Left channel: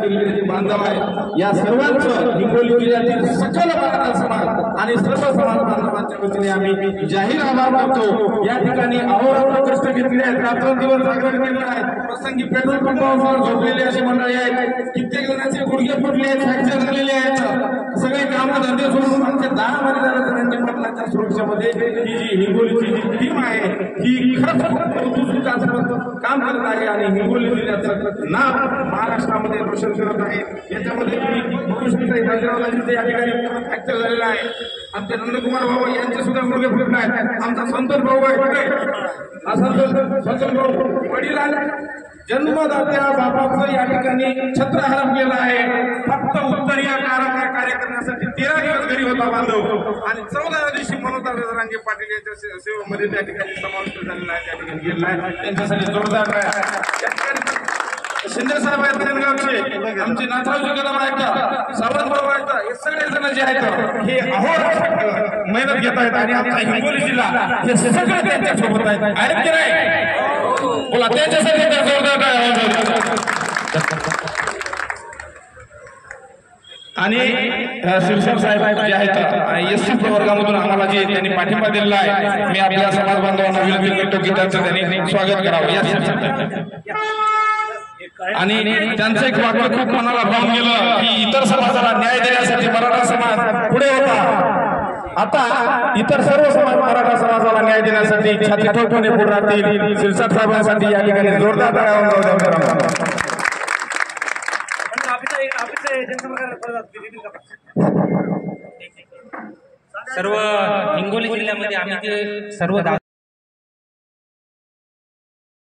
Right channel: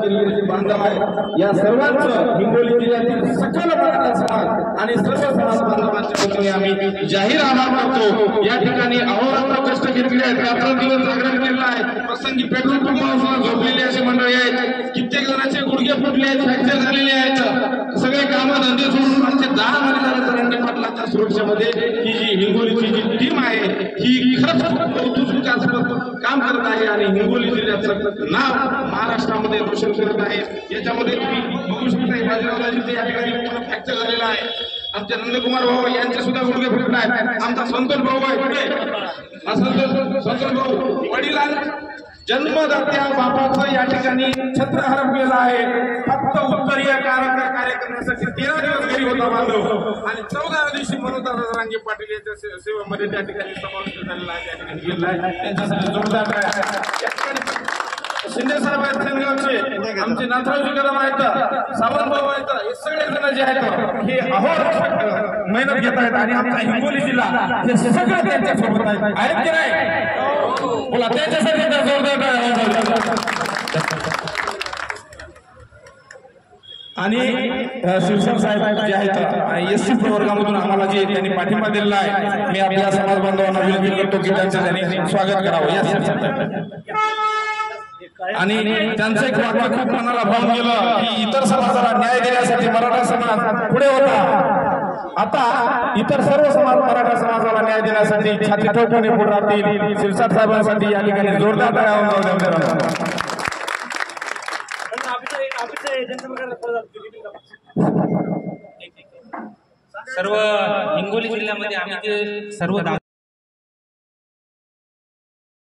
जे बांधव आहे या सर्वांचं हिंगोली जिल्ह्यातील सकल मराठा समाज आणि सर्व समाज बांधवांच्या वतीने आम्ही जाहीर आभार मानतो। या ठिकाणी अहोरात्र कष्ट घेतले आहेत, रात्रंदिवस जागरण केलेलं आहे। प्रसंगी पेट्रोल पंपावर झोपलेले असे मंडळी आहेत, कित्येक जणांचे गुडघे फुटले आहेत, फ्रॅक्चर झालेले आहेत। सगळे कामं धंदे सोडून आमचे 10 महिने झाले तरंगे पाटलांच्या सुरक्षेमध्ये ही जी हिंगोलीची जी टीम आहे ही खरंच कौतुकास्पद काम करत आहे आणि हिंगोली जिल्ह्याचं नाव महाराष्ट्रामध्ये रोशन करत आहे। याच्यामध्ये तुम्ही बघू शकता बाजीरावजी या ठिकाणी पूर्ण फ्रॅक्चर झालेला आहे। आमचे नंदकुमार भाऊ यांचे सुद्धा गुडघे फुटले आहेत। आमचा संतोष भाऊ आहे, संतोष भाऊ वडील जन्मदात्या बापाचं या ठिकाणी छत्र हरपलेलं आहे। फक्त उत्तरीय कार्य करण्यासाठी 13 दिवस घरी होता बांधव आणि 14व्या दिवशी मनोहरदादा जरांगे पाटील यांच्या सेवेमध्ये त्या ठिकाणी समाविष्ट झालेला आहे, त्या ठिकाणी गेलेला आहे। त्यांच्यासाठी जोरदार या ठिकाणी शिंदे साहेब आहेत सेनगावचे, आमचे नाथरावजी कदम आहेत, सावंत भाऊ आहेत, हे सगळे जण जे आहेत हे अहोरात्र मेहनत घेत आहेत आणि आमचा हिंगोली जिल्हा हे सगळं त्यांच्या सोबत आहेत की नाही? बोला त्यांच्यासाठी जोरदार आणि शिवसेना साहेब जे आहेत एससी प्रवर्गामधून आम्हाला जे त्यांनी पाठिंबा दिलेला आहे, मी आपल्या समाज बांधवांना विनंती करतो की त्यांचं त्यांनी स्वागत करावं। आणि त्यांचं एक वाक्य खूप मनाला भावून गेलं की इतर समाजाला न्याय देण्यासाठी मराठा समाज पुढे होता, आता इतर सर्व समाज मराठा समाजाला न्याय देण्यासाठी छाती ठोकून पुढे राहतील। शिरसाट साहेबांसाठी या ठिकाणी जोरदार सर्व हिंगोली जिल्ह्यामध्ये आम्ही जे सर्व